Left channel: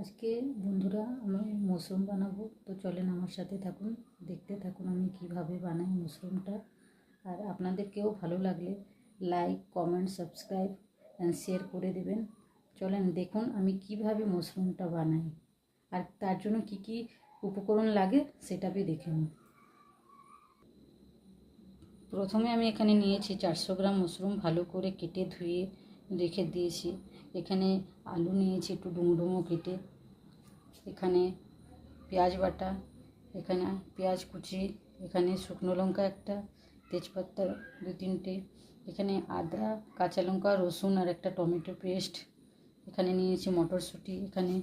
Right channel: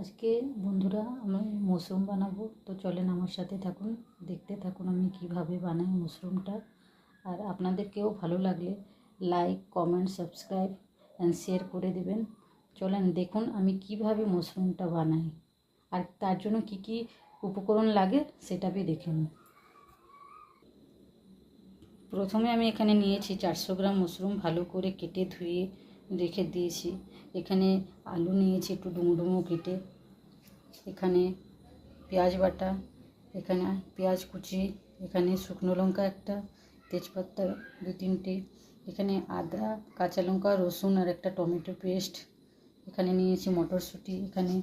আজকে বন্ধুরা আমি মাশরুম বানাবো, তো চলেন আমার সাথে থাকুন, দেখতে থাকুন আমি কিভাবে বানাই মাশরুমটা। আর আপনাদেরকেও ভালো লাগলে like, comment, subscribe and share করে দেবেন। চলেন দেখুন আমি কিভাবে মাশরুমটা বানাই, আর তার জন্য কি কি উপকরণ লাগে সেটা দেখে নিন। প্রথমে আমি এখানে নিয়েছি 400 গ্রাম মাশরুম, ভালো করে কেটে ধুয়ে রেখে দিয়েছি। এখানে আলু নিয়েছি একটু ডুমো ডুমো কেটে, এখানে পেঁয়াজ বাটা, এখানে পেঁয়াজ কুচি, এখানে শুকনো লঙ্কা একটা, তেজপাতা 2-3টে, এখানে আদা, কাঁচা লঙ্কা, রসুন আর একটা টমেটো পেস্ট, এখানে নিয়েছি মটরশুঁটি, এখানে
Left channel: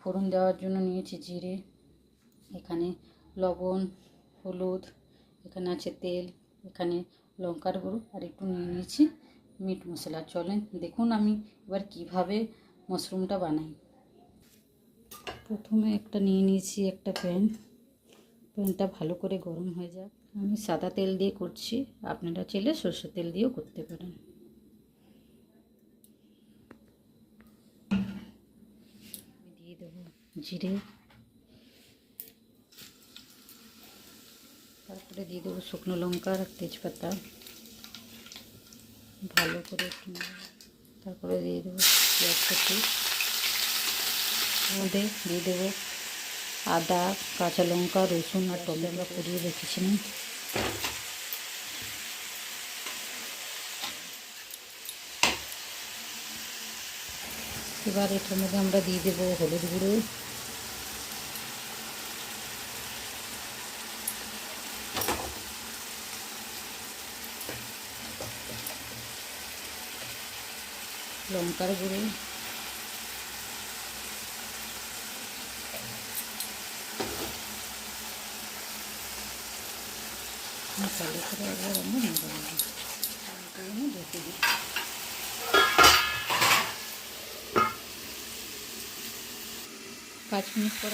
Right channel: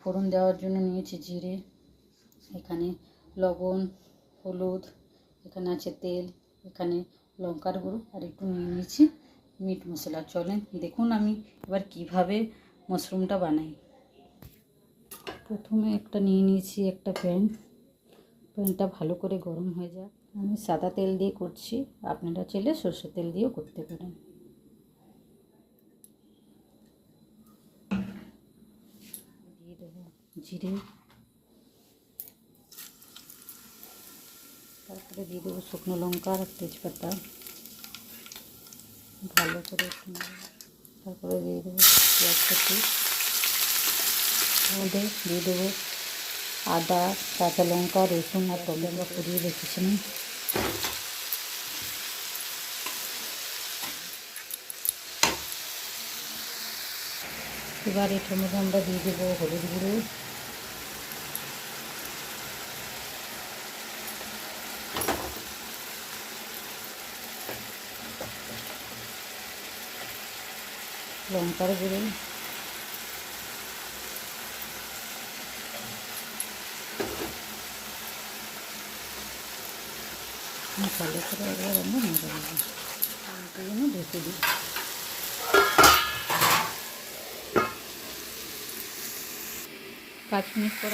ফোড়ন দেওয়ার জন্য নিয়েছি জিরে, এখানে লবণ, হলুদ, এখানে আছে তেল, এখানে লঙ্কার গুঁড়ো আর একটু নিয়ে নিয়েছি মিট মশলা। চলেন দেখুন আমি এবার কিভাবে মাশরুমটা বানাই। প্রথমে একটা নিয়ে নিয়েছি একটা প্যানটা ভালো করে গরম হয়ে যাক। আমি সাদা তেল দিয়ে করছি, আপনারা চাইলে সরষের তেল দিয়েও করতে পারেন। দিয়ে দেবো জিরে, তারপরে দিয়ে দেবো শুকনো লঙ্কা আর তেজপাতা, ভালো করে একটু, তারপরে দিয়ে দেবো পেঁয়াজ কুচি, মধ্যে দিয়ে দেবো আদা, কাঁচা লঙ্কা, রসুন আর টমেটো আমরা পুড়িয়ে রেখেছিলাম। এবার এটার মধ্যে আমরা দিয়ে দেবো হলুদ গুঁড়ো, লঙ্কার গুঁড়ো, ভালো করে একবার আমরা নেড়ে নেবো, ঢেকে দিই। 5 মিনিট পর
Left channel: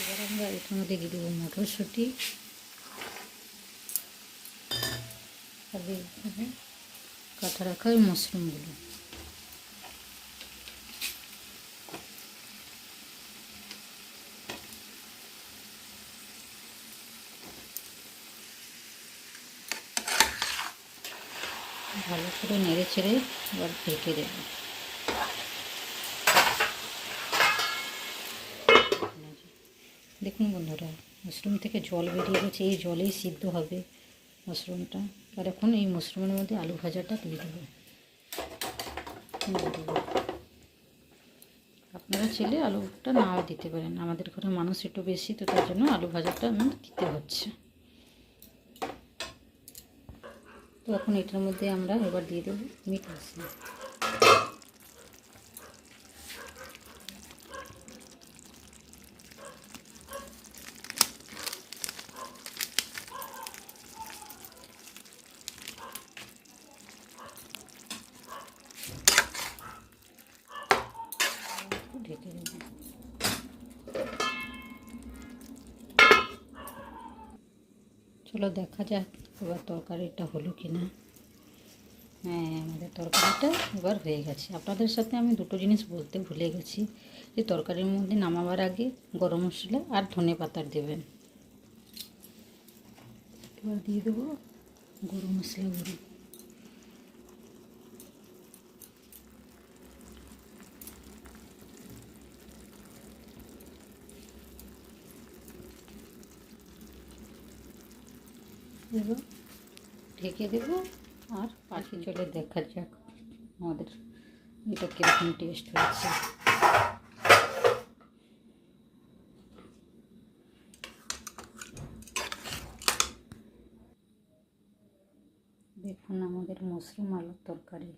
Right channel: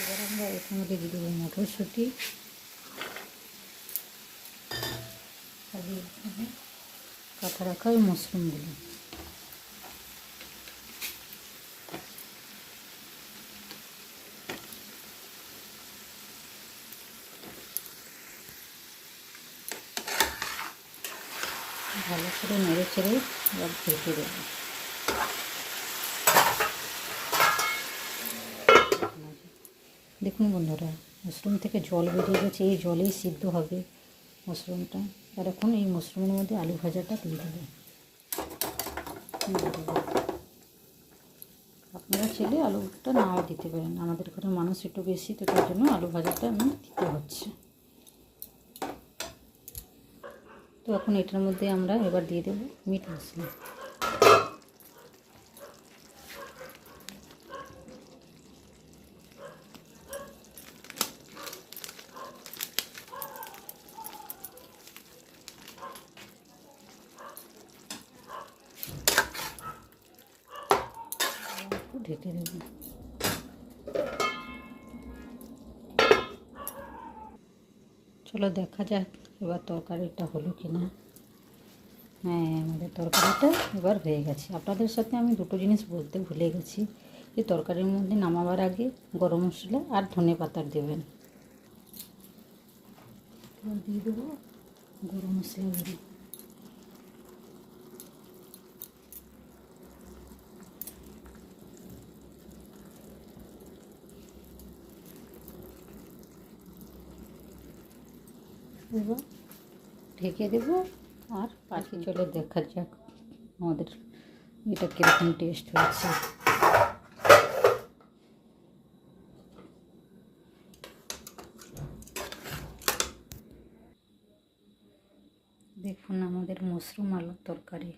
এবার আমরা এর মধ্যে দিয়ে দেবো মটরশুঁটি আর কাটা রাখা ওই মাশরুমগুলো। ভালো করে নেড়ে ছেড়ে এবার ঢেকে দেবো। দেখুন বন্ধুরা, মাশরুম থেকে জল বেরিয়ে গেছে, এই জলেই সিদ্ধ হবে মাশরুমটা। আর এখন এই মাশরুমের মধ্যে আলু ভাজাটা দিয়ে দেবো। আপনারা চাইলে আলুটা নাও দিতে পারেন, আমাদের ঘরে মানুষ একটু বেশি, তো তার জন্য আলু ভাজাটা আমার দিতে হচ্ছে। তো এখন এটার মধ্যে আমরা এবার দিয়ে দেবো মিট মশলা। ঢেকে দেবো। চলো দেখা যাক এবার তরকারিটা হলো কি না। হ্যাঁ, আমাদের তরকারিটা এবার হয়ে গেছে। আপনাদের সাথে আমি দুটো জিনিস বলতে ভুলে গেছি, যে তরকারির মধ্যে নামাবার আগে গরম মশলা আর ধনে পাতা দেবেন। এবার দিয়ে দেবো গরম মশলা গুঁড়ো, এবার ঢেকে দেবো আর পাখি চলে দেখা যাক আমাদের এটা কীরকম টেস্ট হয়েছে। দেখুন আমাদের মাশরুম আলুর তরকারি